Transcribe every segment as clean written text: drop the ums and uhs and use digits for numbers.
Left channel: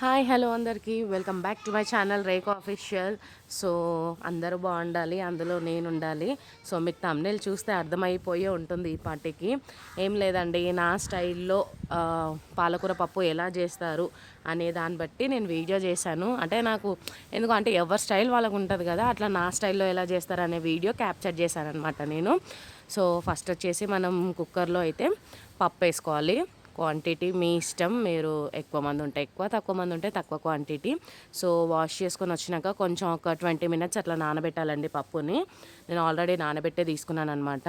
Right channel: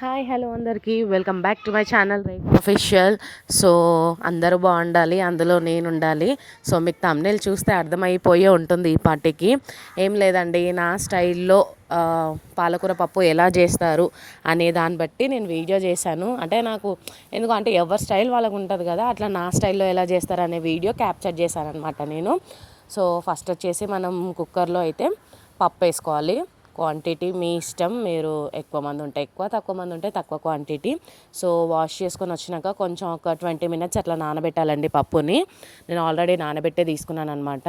Hi hello అందరికీ welcome back to my channel Rekha official. So అందరూ బాగుండాలి, అందులో నేను ఉండాలి. సో మీకు థంబ్నెయిల్ చూస్తే అర్థమైపోయే ఉంటుంది ఈ పార్టీకి. ఏం లేదండి, నా స్టైల్లో పాలకూర పప్పు ఎలా చేస్తారు అనే దాన్ని బట్టి నేను వీడియో చేశాను. అంటే నాకు ఎందుకంటే ఎవరి స్టైల్ వాళ్ళకు ఉంటుంది కదా, అట్లా నా స్టైల్లో ఎలా చేస్తారు అనే వీడియో క్యాప్చర్ చేశాను అనమాట నేను. సో ఫస్ట్ వచ్చేసి మనం కుక్కర్లో అయితే పప్పు వేసుకోవాలి. క్వాంటిటీ మీ ఇష్టం, మీరు ఎక్కువ మంది ఉంటే ఎక్కువ, తక్కువ మంది ఉంటే తక్కువ క్వాంటిటీ. సో వాష్ చేసుకొని వచ్చినాక కొంచెం ఒక 20 మినిట్స్ అట్లా నానబెట్టాలండి పప్పుని. నేను ఆల్రెడీ నానబెట్టే తీసుకున్నాను అనమాట.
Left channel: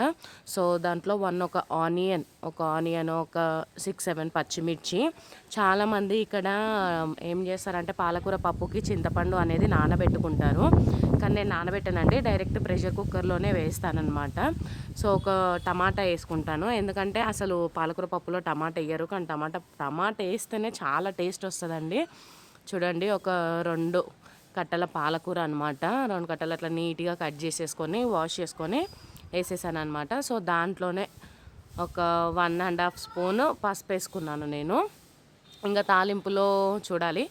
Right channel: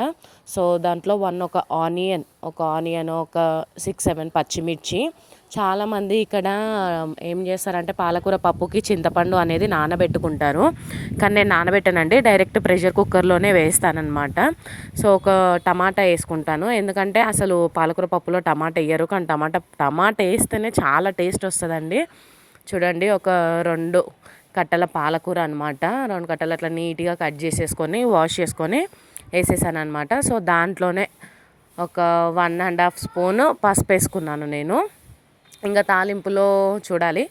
సో దాంట్లో ఒక ఆనియన్, ఒక 6-7 పచ్చిమిర్చి. చాలామంది ఇక్కడ ఏం చేస్తారంటే పాలకూర పప్పుకి చింతపండు అనేది నానబెట్టుకుంటారు, కానీ నేను నానబెట్టానండి, డైరెక్ట్ ప్రెషర్ కుక్కర్లోనే వేస్తానన్నమాట. సో ఒక టమాటా వేసుకుంటాను, ఎందుకంటే అసలు పాలకూర పప్పులో టమాటా వేయరు, కానీ టమాటా వేస్తేనే చాలా టేస్ట్ వస్తుందండి. చూడండి, ఒక 2 కట్టల పాలకూర అనమాట. 2 కట్టలు అట్లా నీట్గా కట్ చేసేసుకొని వాష్ చేసుకొని వేసేసాను అనమాట. సో దాంట్లోనే ఒక 1.5 స్పూను పసుపు వేసుకున్నాను నేను. ఇంకా తాలింపులో చూడండి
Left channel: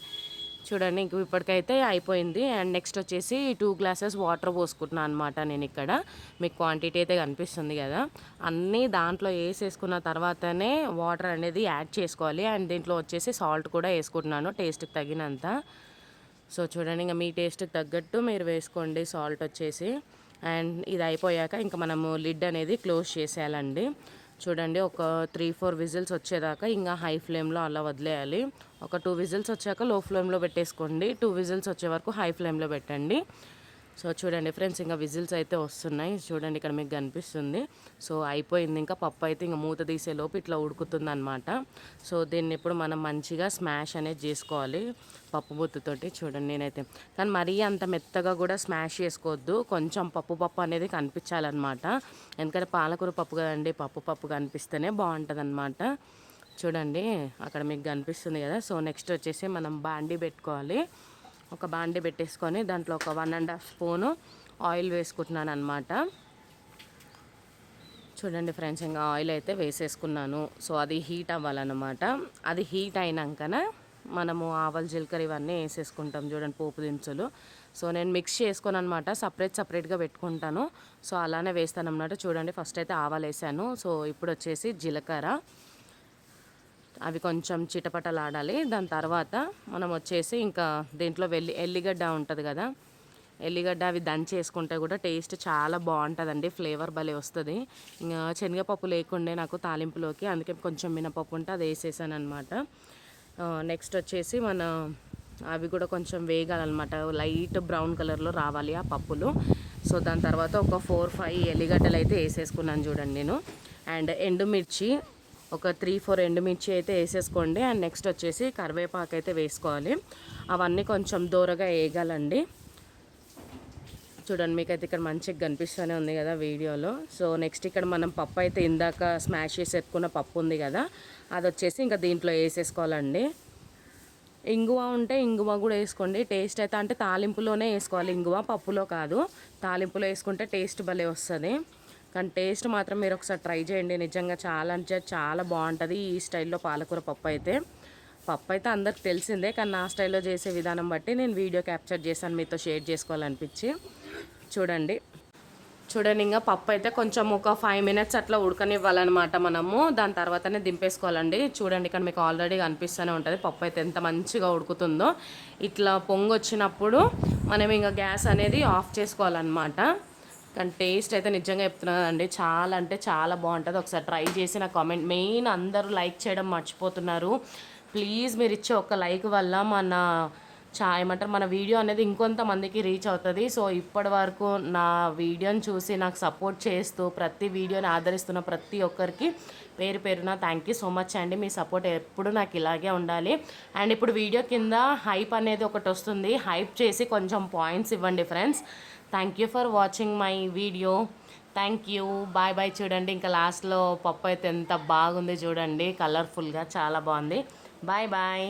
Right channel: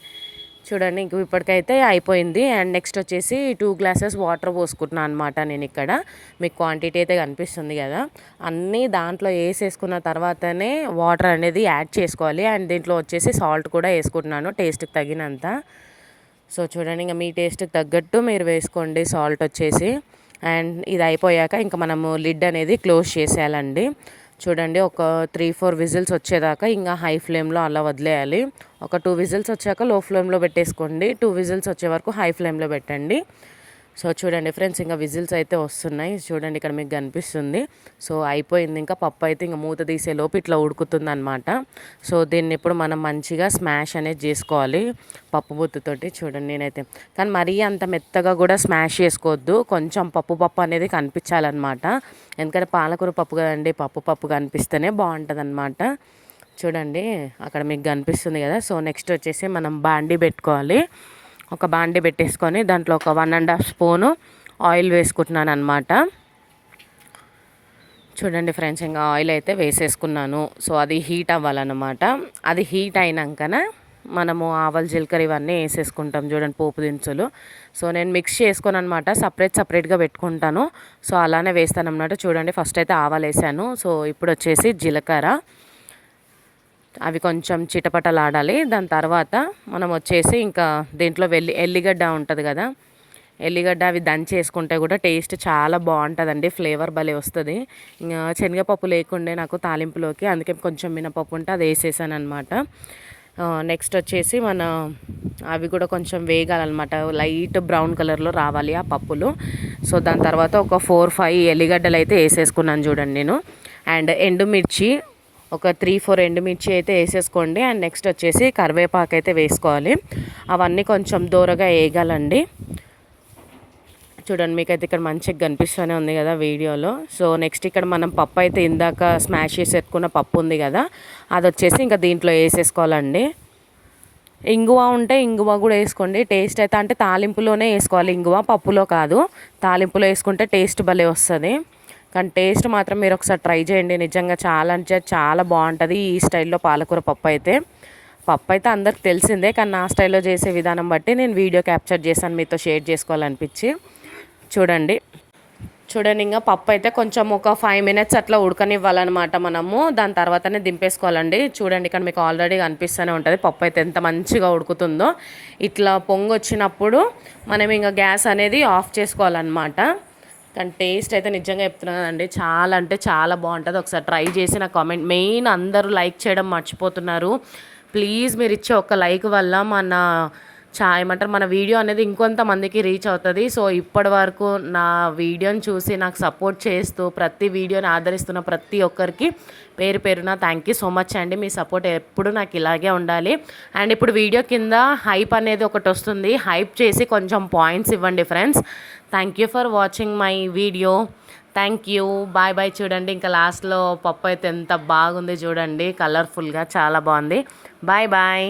ఇంక ఇప్పటికైతే అయిపోయింది. అండ్ నెక్స్ట్ వచ్చేసి 2 గ్లాసెస్ వాటర్ పోసుకుంటున్నాను అనమాట నేను ఇక్కడ. మీకు క్వాంటిటీ అయితే కనిపిస్తుంది కదా, అన్నీ దాంట్లో వేసేసుకున్న తర్వాతనే వాటర్ అనేది యాడ్ చేసుకోవాలి. అండ్ దీంట్లో వచ్చేసి సాల్ట్ కూడా వేసుకుంటున్నాను టేస్ట్కి తగినంత. సో చూడండి, ఇంకా మీ టేస్ట్కి తగ్గట్టు మీరు వేసుకోండి సాల్ట్ వచ్చేసి. అండ్ ఇది అయిపోయాక ఇంకా మనము లిడ్ అనేది క్లోజ్ చేసేయాలండి. చూడండి, ఒక 3-4 విజిల్స్ వచ్చేదాకా ఇంకా హై ఫ్లేమ్లో అలా వదిలేయాలి. ఒక 2 విజిల్స్ వచ్చాక లో ఫ్లేమ్లో పెట్టేసుకోండి, 2 విజిల్స్ వచ్చే వరకు హై ఫ్లేమ్లో పెట్టండి. సో చూడండి ఫ్రెండ్స్, ఇంకా విజిల్స్ అయితే వస్తున్నాయి. చూడండి ఇక్కడ మీకు కనిపిస్తుంది. సో అయిపోయింది, ఇంకా పప్పు అయితే ఇంకా మూత తీసేలోపు ఇట్లా ఉడుకుతుంది అనమాట. సో దీన్ని ఇప్పుడు మనం మంచిగా స్మాష్ అనేది చేసుకోవాలి పప్పు బొత్తుతోటి. చూడండి నేనైతే, కానీ మరీ అంత మెత్తగా కూడా స్మాష్ చేసుకోవద్దు, కొంచెం పప్పు అనేది కనిపించాలన్నమాట. ఎందుకంటే పాలకూర పప్పు కదండి, పప్పు కనిపిస్తేనే బాగుంటుంది అనమాట. చూడండి అక్కడ మీకు కనిపిస్తుంది కదా. సో నెక్స్ట్ వచ్చేసి మనం బాండీ పెట్టుకోవాలి. ఒక బాండీ పెట్టేసుకొని దాంట్లో ఒక 1.5 స్పూను ఆయిల్ వేసుకుంటున్నాను అనమాట. చూడండి ఫ్రెండ్స్, ఇంకా ఆయిల్ అయితే వేసేసుకున్నాను. సో అది హీట్ అవ్వాలన్నమాట. అది హీట్ అయినాకనే మనము ఆవాలు జీలకర్ర ఇవన్నీ వేసేసుకుంటాం. చూడండి పోపు దినుసులు. సో నేను మిక్స్ చేసుకొని అనమాట సపరేట్గా పెట్టుకుంటాను. సో అలానే వేస్తాను అన్నమాట. చూడండి ఫస్ట్ అయితే ఆవాలు వేసాను. సో ఇప్పుడు వచ్చేసి జీలకర్ర, అవి కొంచెం చిటపటలాడాలి. దాని తర్వాత మనం వచ్చేసి ఇంకా దీంట్లో ఎల్లిగడ్డ ఉంటుంది కదా, ఎల్లిగడ్డ అవి దంచేసుకుంటే కూడా టేస్ట్ చాలా బాగుంటుందండి, ఫ్లేవర్ భలే వస్తుంది. ఇంకా శనగపప్పు లేకుండే నాకు తాలింపులోకి, అందుకే కొంచెం మినపప్పు ఉంటే అది వేసేసాను అనమాట. నెక్స్ట్ వచ్చేసి అవి కూడా కొంచెం వేగాలన్నమాట, లైట్ బ్రౌన్ కలర్లో రావాలి ఆ పప్పులు. సో దాని తర్వాత ఒక 4-5 ఎల్లిగడ్డలు అయితే వేసేసుకున్నాను చూడండి నేను. అండ్ ఎండుమిర్చి ఒక 3-4 ఎండుమిర్చి అయితే వేసేసుకోండి. అండ్ నెక్స్ట్ వచ్చేసి కరివేపాకు అయితే వేసుకోవాలి. అవన్నీ కొంచెం దూరగా వేగాలండి. చూడండి మీకైతే ఇక్కడ మంచిగా కనిపిస్తూనే ఉంది కదా వీడియోలో. సో నెక్స్ట్ ఇక్కడ మనం పప్పు అయితే ఇందాక స్మాష్ చేసి పెట్టుకున్న పప్పు ఉంది కదా, అది వచ్చేసి ఇంకా దీంట్లో వేసేసుకోవాలండి. ఇంగువ ఉంటే ఇంగువ కూడా వేసుకోండి, టేస్ట్ అయితే అంటే తాలింపులోనే వేసుకోవాలి ఇంగువ, పప్పులో కాదు. తాలింపులో వేసుకుంటే టేస్ట్ భలే వస్తుంది. కానీ టేస్ట్ మాత్రం మీరు ఒకసారి ట్రై చేయండి, నిజంగా చాలా అంటే చాలా బాగుంటుంది ఈ స్టైల్లో పాలకూర పప్పు అయితే అందరికి తెలిసిందే, కానీ నా స్టైల్లో చేసే విధానం బట్టి నేను వీడియో క్యాప్చర్ చేశాను, మీతో షేర్ చేసుకోవాలనిపించి. చూడండి ఇంకా పప్పు అయితే కొంచెం ఒక 5 మినిట్స్ అట్లా ఉడకనివ్వాలన్నమాట మనము. దాని తర్వాతనే దింపేసుకోవాలండి. చూడండి ఇక్కడ మీకు ఆల్రెడీ కనిపిస్తూనే ఉంటుంది పప్పు అయితే ఎంత మంచిగా ఉడుకుతుందో. ఇట్లా పొంగు వచ్చినప్పుడు మనం ఇంకా గ్యాస్ అనేది ఆఫ్ చేసుకోవాలన్నమాట. కానీ టేస్ట్ అయితే నిజంగా చెప్తున్నానండి, చాలా అంటే చాలా బాగుంటుంది. ఒకసారి ట్రై చేసి నా కామెంట్, మెయిన్ అందరూ లైక్ చేయడం మర్చిపోతున్నారు. ప్లీజ్ మీరు ఇచ్చే ఒక లైక్ వల్ల మన వీడియో అనేది ఇంకొంతమందికి రీచ్ అవుతుంది. సో ఇప్పటి వరకు నా వీడియోని చూసి నాకు సపోర్ట్ చేస్తూ ప్రతి వీడియోని ఆదరిస్తున్న ప్రతి ఒక్కరికి పేరు పేరున థ్యాంక్ యూ సో మచ్ అండి. మీ సపోర్ట్ ఎప్పుడు నాకు ఇలాగే ఉండాలి. అండ్ ఇప్పుడు వీడియో కింద హైప్ అనేది ఒకటి వస్తుంది, హైప్ చేసి కొంచెం పాయింట్స్ ఇవ్వండి friends. Thank you for watching my video. Thank you, bye. చూడండి ఇంకా లాస్ట్లో పప్పు అయితే ఎంత బాగుంది చూడండి, కలర్ఫుల్గా చాలా బాగుంది. బాయ్.